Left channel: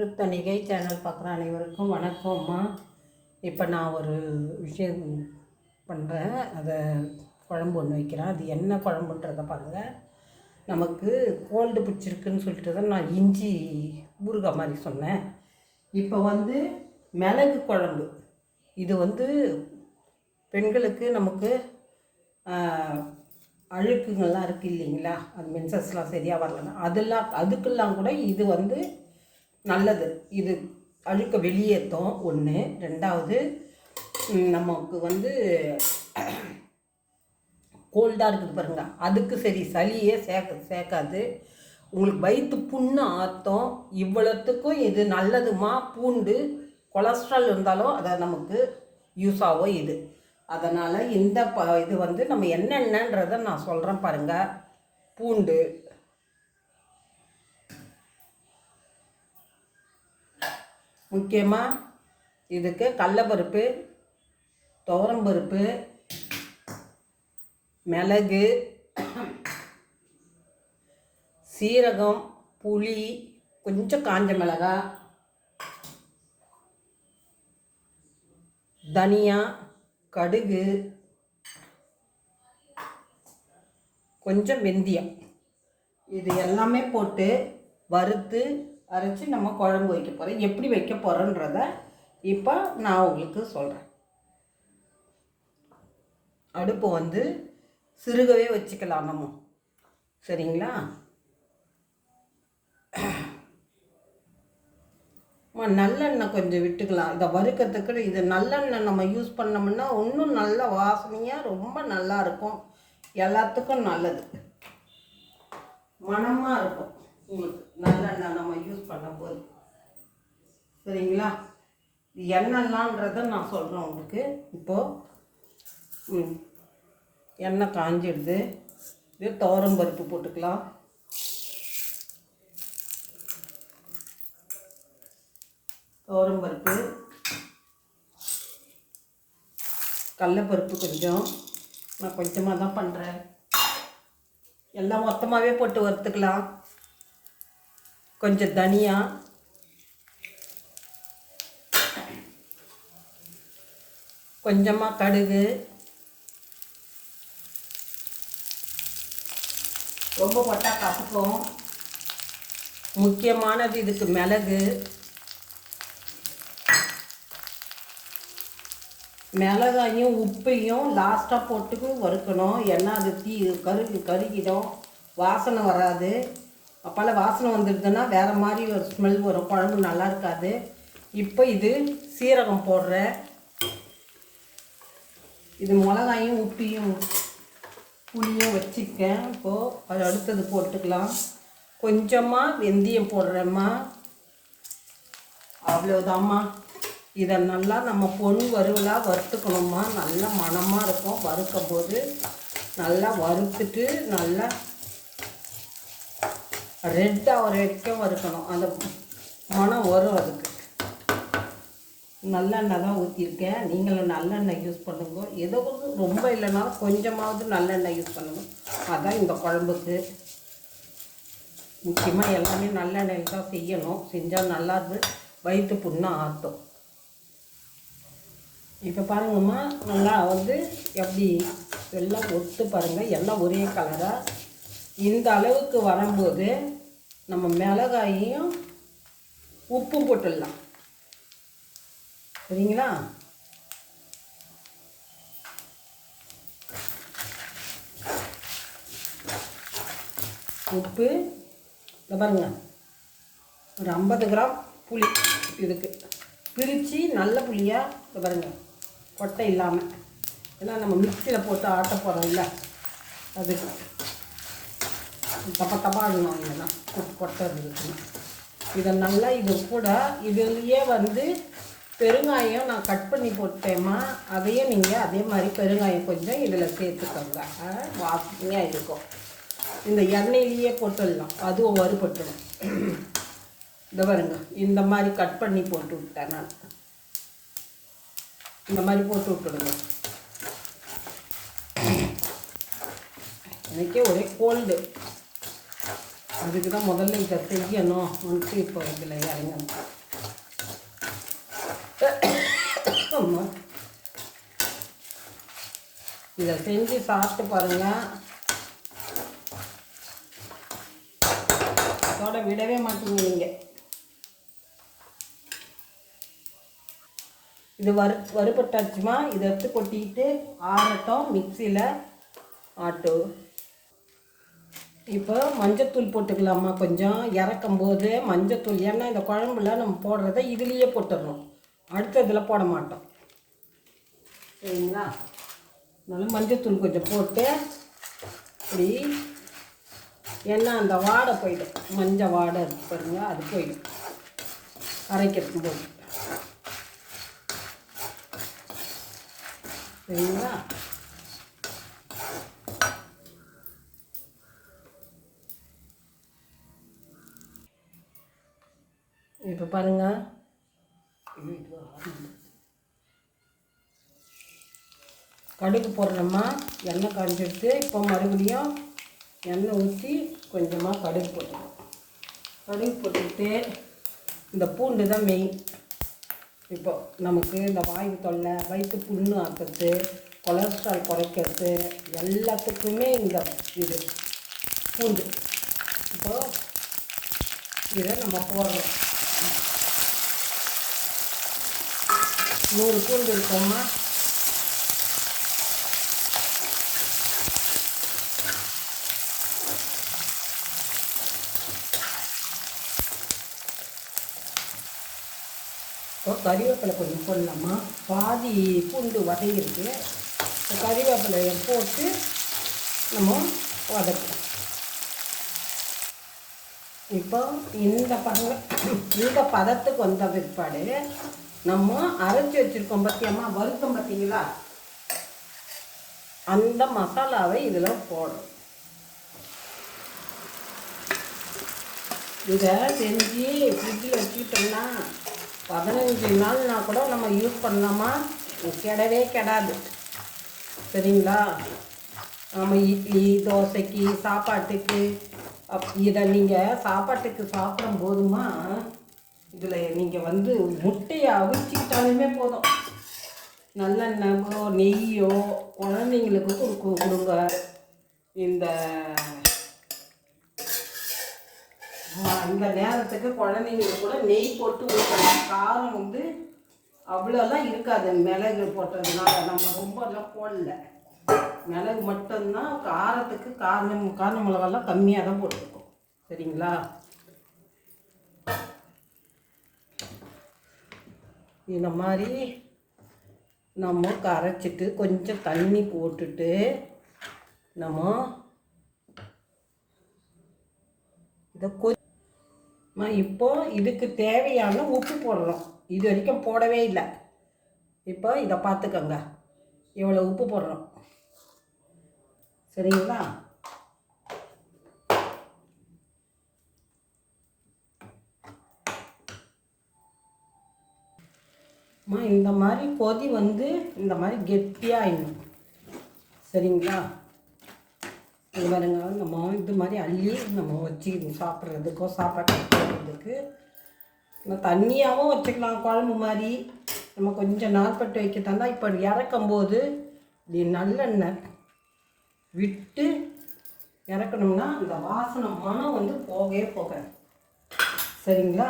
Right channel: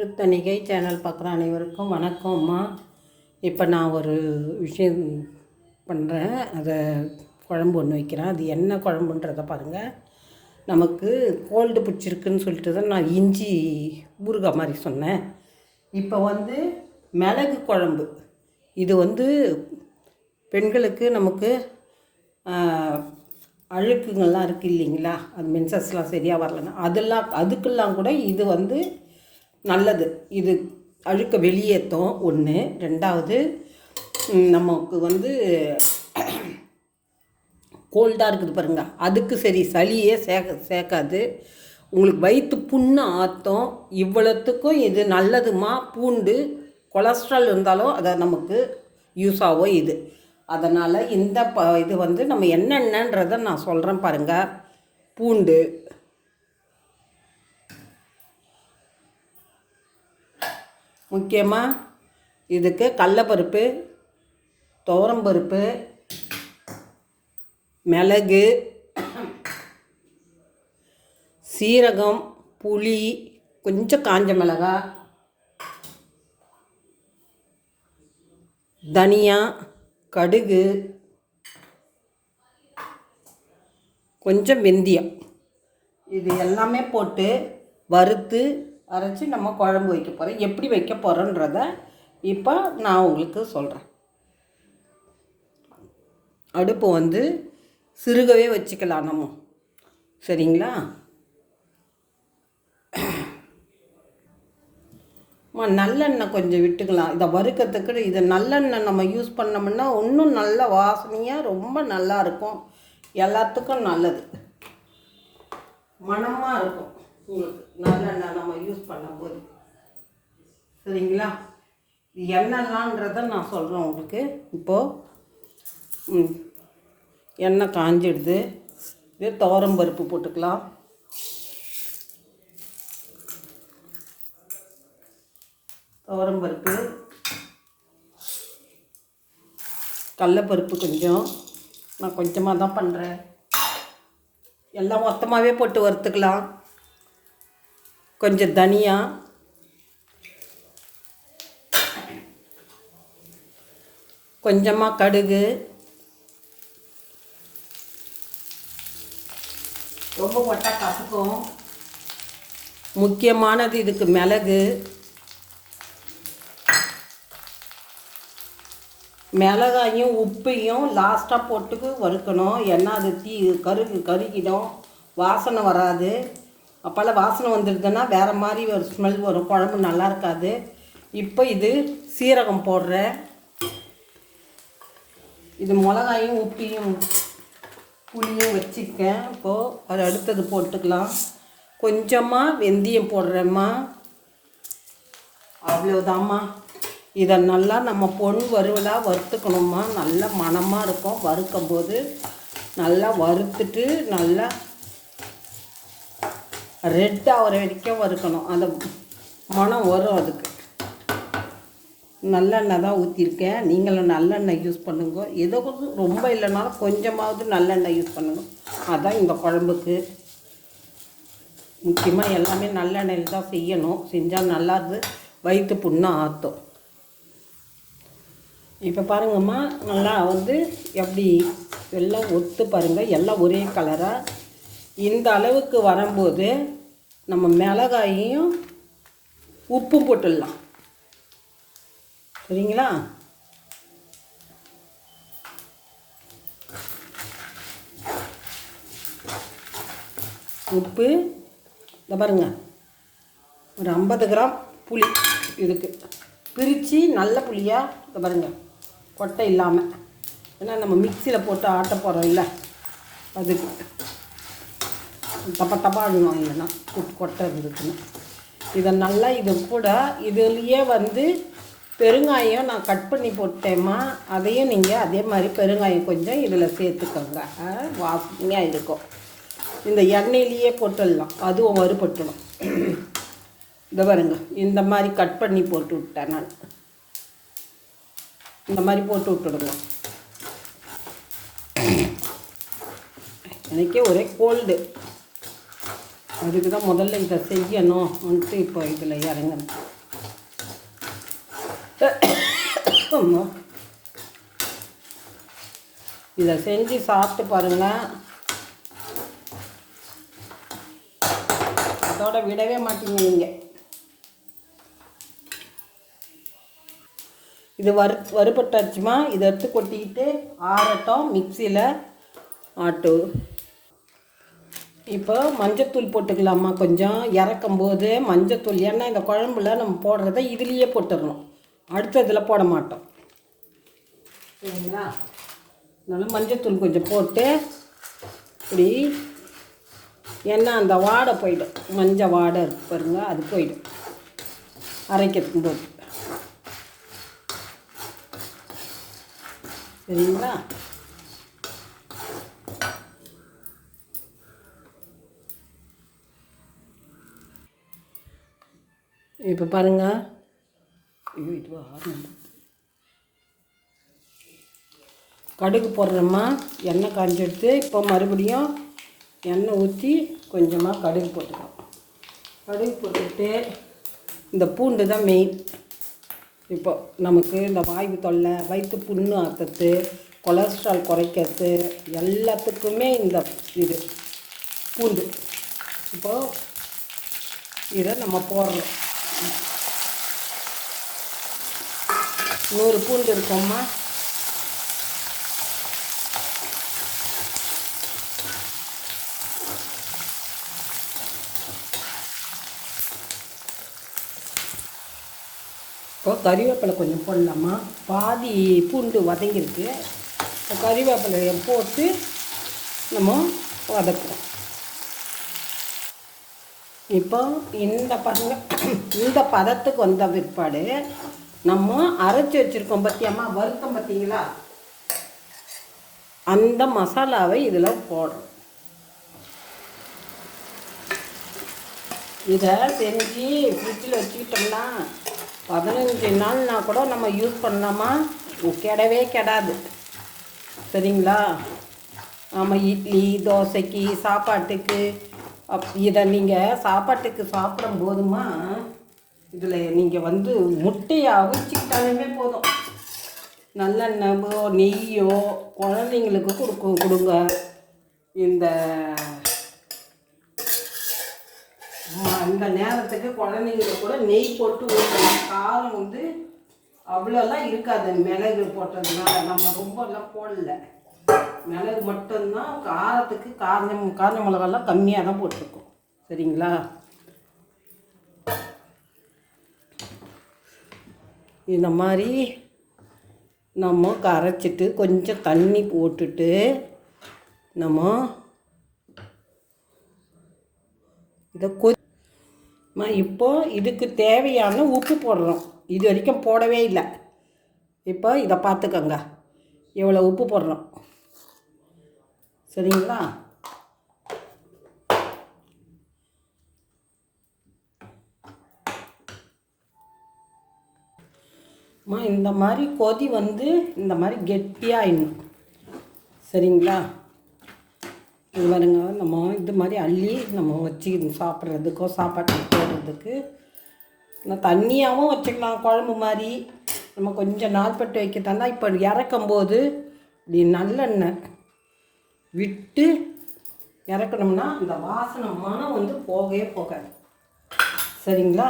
Thiruthanigai channel பார்க்குற அனைவருக்கும் வணக்கம்மா. இப்போ நான் ஒரு விஷயம் பண்ணுறேன், அதை குழம்பு ஒன்று வைக்கிறேன். அது என்ன குழம்புன்றதை பாருங்கள். நமக்கு கோல்டு பிடிச்சிருக்குன்னு சொல்லிட்டு தான் நான் இஞ்சி ஊறுகாய் மாதிரி சொன்னேன். இப்போ மிளகு குழம்பு. இது பெண்களுக்கு நமக்கு அழுக்குங்கள்லாம் இருக்குது இல்லைங்களா, அது மென்சஸ்லாம் சரியாக வரலன்னா அதுக்கெல்லாம் கூட இது நல்லது. இது அழுக்க வெளியேற்றும் ஒன்று. ரெண்டாவது, நமக்கு கோல்டாக இருக்குது பாருங்கள், அதுக்கு சரி சளியே சேர்க்காது. உங்களுக்கு வயிற்று புண்ணு ஆற்றும். இவ்வளோத்துக்கும் இது நல்லதுமா. பூண்டு கொலஸ்ட்ரால் இருந்தாலும் அதை நமக்கு யூஸ் ஆகும் இது. அதனால் இந்த இது நம்ம என்னென்னன்றதை நான் சொல்கிறேன் பாருங்கள். பூண்டு, முக்கியமாக இதுக்கு கடலைப்பருப்பு, துவரம்பருப்பு, மிளகு, சீரகம், புளி, கொஞ்சம் காஞ்ச மிளகாய், தனியா, கடுகு, கொஞ்சம் வெந்தயம், இது எல்லாமே போட்டு வறுத்து அரைச்சி நம்ம குழம்பு வைக்க போகிறோம். எப்படி வைக்க போகிறோன்றத இப்போ நான் உங்களுக்கு சொல்கிறேன். அடுப்பு சிறுகவே வச்சுக்கலாம் நம்ம, சரிங்களா? நல்லெண்ணெய் கொஞ்சம் விட்டுக்கலாம். இதை வறுக்கிறதுக்கு இதை நல்லெண்ணெய் நம்ம யூஸ் பண்ணோம்னா இன்னும் நல்ல வாசனையாக ரொம்ப நல்லா இருக்கும். எல்லாத்துக்கும் நல்லது, மணமாக இருக்கும் உங்களுக்கு நல்லெண்ணெய் நம்ம யூஸ் பண்ணும்போது, சரிங்களா? இது எண்ணெய்லான்றதை நான் சொல்கிறேன் உங்களுக்கு. இப்போது எண்ணெய் காஞ்சிடுது. இது துவரம்பருப்பு போட்டுக்கலாம். துவரம்பருப்பு, கடலைப்பருப்பு கொஞ்சம், நான் கொஞ்சமாக தான் பண்ணுறேன். எல்லாம் மொத்தமாகவே போட்டு வறுத்துக்கலாம். கொஞ்சம் தனியா, கொஞ்சமாக கடுகு, ரொம்ப போட்டால் கசக்கும். முக்கியமானது இதுக்கு மிளகு. மிளகாயும் உப்பையும் லாஸ்ட்டாக போட்டு வறுக்கணும். ஏன்னா அது கருகிடும், வாசனை வராது. அப்போல்லாம் வாசனை வந்துடுதுன்னா வேறு மாதிரி ஒரு ஸ்மெல் வரும், குழம்பு நல்லா இருக்காது. இப்போ இது சீரகம் போடுறேன். இது மிளகாயும் உப்பையும் புளியும் வச்சுருக்கேன். இப்போது அது அடுத்தது போட்டுக்கலாம். கொஞ்சமாக வெந்தயம் போடுறேம்மா, அவ்வளோதாம்மா. இதை நல்லா நம்ம பொன் வறுவலாக வறுத்துக்கணும்மா. நல்ல மணமாக இருக்கும். வறுக்கும் போது நல்லா வறுத்துட்டு நல்லா ரெட் ஆகிற வரைக்கும் வறுக்கணும். அந்த மணம் வரும். அதுக்கு நல்லெண்ணெய் தான் ஊற்றிருக்கேன். நீங்களும் நல்லெண்ணெய் யூஸ் பண்ணுங்க. ஏதோ ரொம்ப இல்லைன்னா கொஞ்சமாவது நல்லெண்ணெய் யூஸ் பண்ணுங்க. அதுதான் இந்த குழம்புக்கு முக்கியமாக. எல்லாமே நல்லெண்ணெயில் தான் செய்யணும். செஞ்சால் நல்லாது, வயிற்று புண்ணை ஆற்றும். இப்போ பாருங்கம்மா, நல்லா எப்படி எல்லாம் ஒத்து பாருங்கள், எல்லாம் ஒரே கலராக. இந்த அளவுக்கு வரும்போது நம்ம மிளகாயையும் உப்பு போட்டுடலாம், சரிங்களா? உப்பு இந்த பாருங்க, ஒரு 50 கிராம் புளி இதுக்கு பிரித்து நல்ல புளியாக இந்த பாருங்க, கொட்டை இல்லாமல். ஏன்னா நம்ம மிக்சியில் போட்டு ஆட்ட போகிறோம் இல்லை, அதுக்கு தப்பாடணும், இல்லைன்னா கொட்டை இருந்துச்சுன்னா. இதை நல்லா இது கூட இதுலேயே பெருங்காயம் நான் கட் பண்ணி போட்டேம்மா. அதையும் நீங்கள் அதே மாதிரி பெருங்காயம் கொஞ்சம் இதில் சேர்த்துக்கோங்க, வாசனையாக இருக்கும். இந்த எண்ணெயிலேயே போட்டுடலாம், அதுவும் வறுபட்டுடும். இந்த பாருங்க, இந்த மாதிரி கட் பண்ணி போட்டு விட்டேன் நான். இந்த மாதிரி போட்டு விட்டுடுங்க. எனக்கே ஒரே கோல்டு. அதுக்கு தான் முதல்ல இதை செய்யணும்ன்ட்டு இப்போ இதில் இறங்கணும். இதை செஞ்சு சாப்பிட்டு பாருங்கள், அதோட விடவே மாட்டீங்க நீங்கள். இது வறுபட்டாச்சுமா, இதை எடுத்து கொட்டிக்கிட்டு ஆறட்டும், மிக்சியில் ஆட்டு. இப்போ மஞ்சத்தூள் போட்டுக்கலாமா, கொஞ்சம் இறக்கும்போது மஞ்சத்தூள். ஏன்னா இந்த குழம்புல நம்ம போடுறத இதுலேயே போட்டுடணும், அடுத்ததில் போட மாட்டோம் சரிங்களா. அதனால மஞ்சத்தூள் கொஞ்சம் போட்டு இப்படி, ஏன்னா அந்த வாடை போயிடும், மஞ்சள் வாடை பாருங்க, அது போயிடும் அரைக்கிறதுக்கு போது சரிங்களா. இப்போ பாருங்கள், கடுகு போடுறோமா, எண்ணெய் காஞ்செடுத்து இப்போ மறுபடியும் எண்ணெய் ஊற்றி கொஞ்சமாக கடுகு போட்டுக்கணும். கடுகு போட்டுக்கிட்டு இந்த பூண்டு தான் மெயின். இப்போ நமக்கு இந்த வாய்வு தொல்லை, வயிற்று புண்ணு ஆக்கிறது, கொலஸ்ட்ரால் குறைக்கிறது, எல்லாத்துக்குமே இந்த இது பூண்டு. இப்போது இதை நம்ம போடுறோம். 100 பூண்டு இருக்கோம்மா. இப்போ கறிவேப்பிலை கொஞ்சம் போடலாமா, பாதி பூண்டு வதங்கிருக்கு. கறிவேப்பிலையை போட்டு நம்ம வதக்குறோம். இப்போ இந்த பதத்துக்கு வந்த பிற்பாடு நம்ம அரைச்சி வச்சுருக்கோம் பார்த்தியம்மா, வறுத்தம் பார்த்தீங்களா, அந்த மசாலாவை இதில் போடுறோம். இதை செஞ்சு ஃப்ரிட்ஜில் வச்சுக்கிட்டோம்னா 15 நாள்னா கூட நம்ம யூஸ் பண்ணலாமா, கெடவே கெடாது சரிங்களா. நம்ம இட்லி தோசைக்கு சாப்பாட்டுக்கு இதை நீங்கள் சாப்பாட்டுக்கு சாப்பிடும் போதுமா, இதில் நீங்கள் முட்டையை அவிச்சிக்கிட்டாலுமே போதும், நல்லெண்ணெயோ நெய்யோ குழந்தைங்களுக்கு கொடுங்க. இந்த நேரத்துக்கு குழந்தைங்களுக்கு கூட நெய் போட்டு ஊற்றணும். காரம் அவ்வளோலாம் இருக்காது, மிளகு போட்டதுனால நம்ம ரொம்பலாம் போடல, மிளகு மட்டும்தான் காரத்துக்கு. காரண மிளகாலாம் கம்மியாக தான் போட்டிருக்கோம் சரிங்களா. இந்த மாதிரி நம்ம கரைச்சிட்டு கொஞ்சம் தண்ணி போட்டுட்டு நம்ம இதை இப்போ இதுக்கு தேவையான உப்பு போடுறோம். இது வரைக்கும் போடவே இல்லை. இப்போ இதை பார்த்துக்கோங்க, எவ்வளோ உப்பு போடுறோம் சரிங்களா. இந்த மாதிரி கொதி இந்த மாதிரி கெட்டியாகிடணும் சரிங்களா. இது பாருங்க, நம்ம இது மாதிரி அள்ளி நம்ம வச்சு சாப்பிட்றதுக்கோ சாப்பாட்டுக்கு போடுறதுக்கு தண்ணியாகவும் வச்சுக்கலாம், குழம்பு மாதிரி. நம்ம கொஞ்சம் நாள்பட்டு வைக்கத்தாந்தா இப்போ இறக்கும்போது இப்படி நல்லெண்ணெய் விட்டு இறக்கணும்னா அந்த வாசனை மனம் போகவே போகாது சரிங்களா.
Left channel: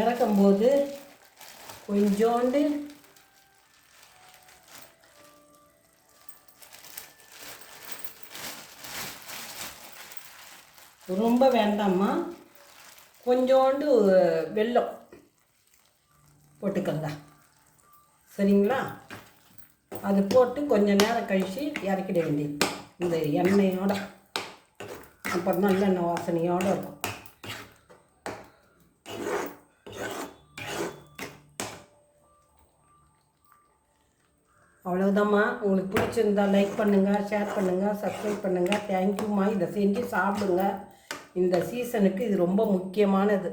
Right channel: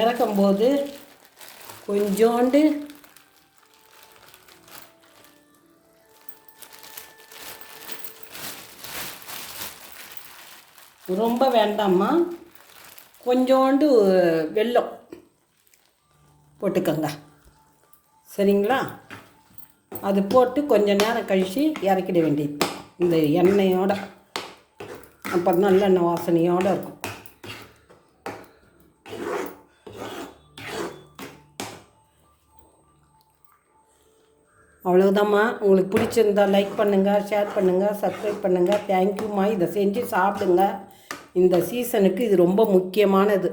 இறக்கும்போது கொஞ்சோண்டு ரொம்ப வேண்டாமா, கொஞ்சோண்டு வெல்லம் போட்டுக்கோங்க சரிங்களா. அது போட்டு கொஞ்சம் நேரம் கழித்து இறக்கிட வேண்டியது இந்த எண்ணெயோட. அப்போ நல்லெண்ணெய் வாசனையோடு இருக்கும். அவ்வளோதாம்மா. உங்களுக்கு பிடிச்சிருந்தா லைக் பண்ணுங்கள், ஷேர் பண்ணுங்கள், சப்ஸ்கிரைப் பண்ணுங்கள். தேங்க்யூம்மா. இதை செஞ்சு சாப்பிடுங்க. இந்த சீசனுக்கு இது ரொம்ப முக்கியமானது.